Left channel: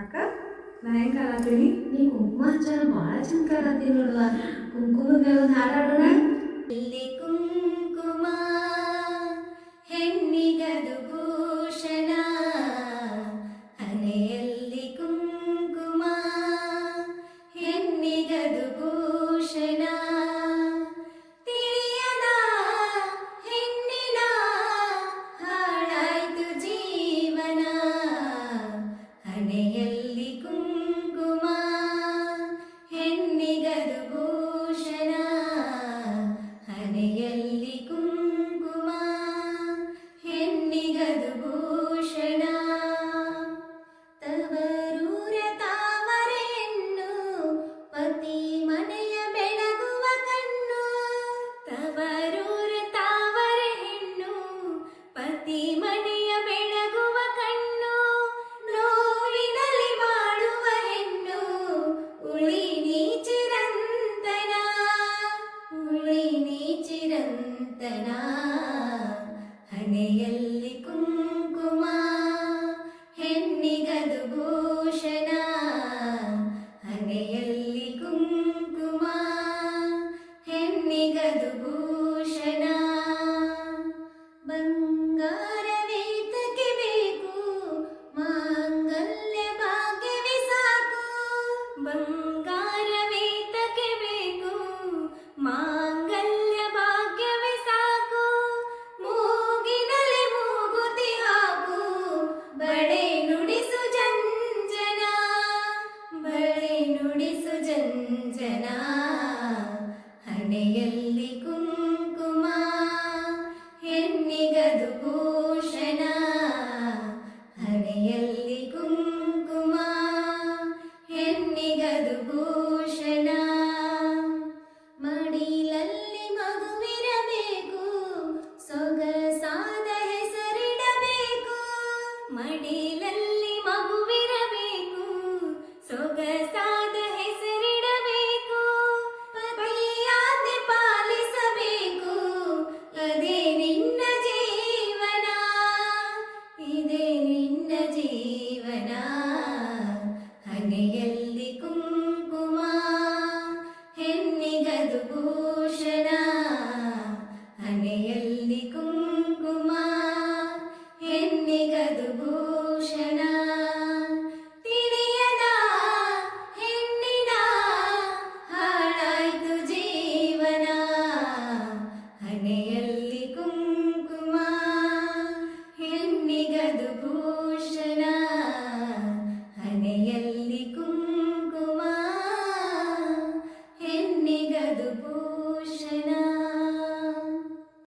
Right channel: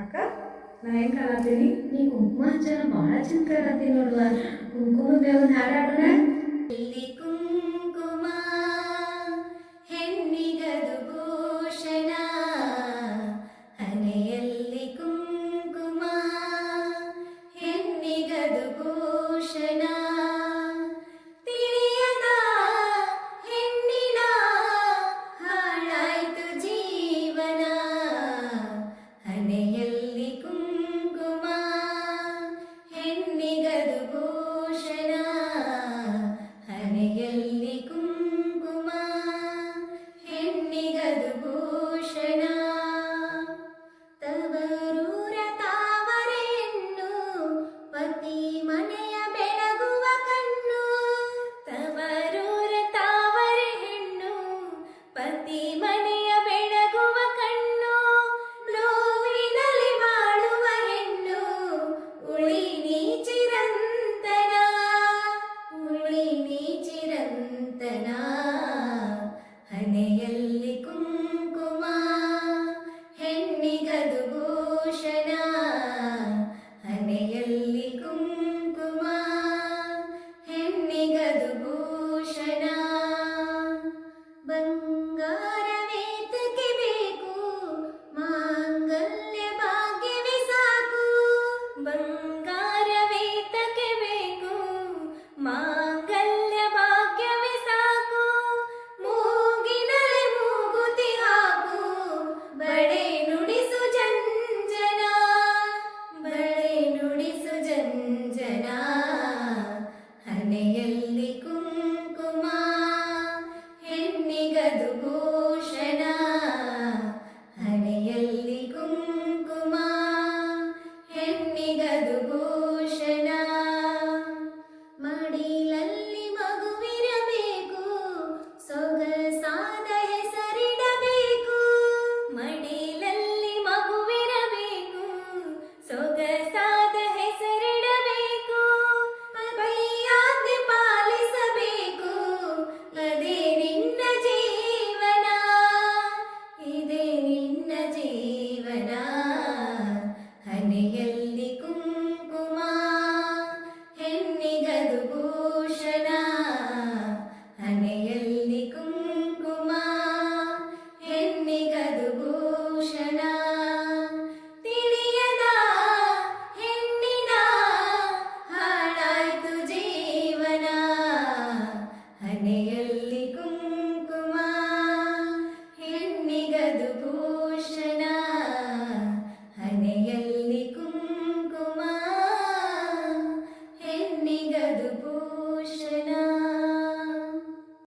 ಅಕ್ಕ ನಾ ಹೆಂಗೆ ಕಾಣತ್ತೀನಿ? ನೀ ಕುಂಕುಮ ಹಚ್ಚಾರ ಭಾಳ ಚಂದ ಕಾಣತ್ತಿ ನೋಡುವ. ಕುಂಕುಮದ ಒಂದು ಹಾಡಾಡೋಣ. ಎಲ್ಲಿ ಕುಂಕುಮ ಹೆಣ್ಣಿಗದು ಭೂಷಣ, ಹಣೆಯಲ್ಲಿ ಕುಂಕುಮ ಹೆಣ್ಣಿಗದು ಭೂಷಣ. ತಿಳಿಯದ ಹೆಣ್ಣಿನ ಹಾಳಾಯ್ತು ಜೀವನ, ಹಣೆಯಲ್ಲಿ ಕುಂಕುಮ ಹೆಣ್ಣಿಗದು ಭೂಷಣ, ಹಣೆಯಲ್ಲಿ ಕುಂಕುಮ ಹೆಣ್ಣಿಗದು ಭೂಷಣ. ತವರೂರ ತಾವರೆ ಹೆಣ್ಣು ಪತಿ ಮನೆಯ ಬೆಳಗುವ ಕಣ್ಣು, ತವರೂರ ತಾವರೆ ಹೆಣ್ಣು ಪತಿ ಮನೆಯ ಬೆಳಗುವ ಕಣ್ಣು. ನೋವಿನಲ್ಲಿ ಬಾಳುವ ಹೆಣ್ಣು ಉಳಿ ನೀ ಚಿರಂತನ, ಉಳಿ ನೀ ಚಿರಂತನ. ಹಣೆಯಲ್ಲಿ ಕುಂಕುಮ ಹೆಣ್ಣಿಗದು ಭೂಷಣ,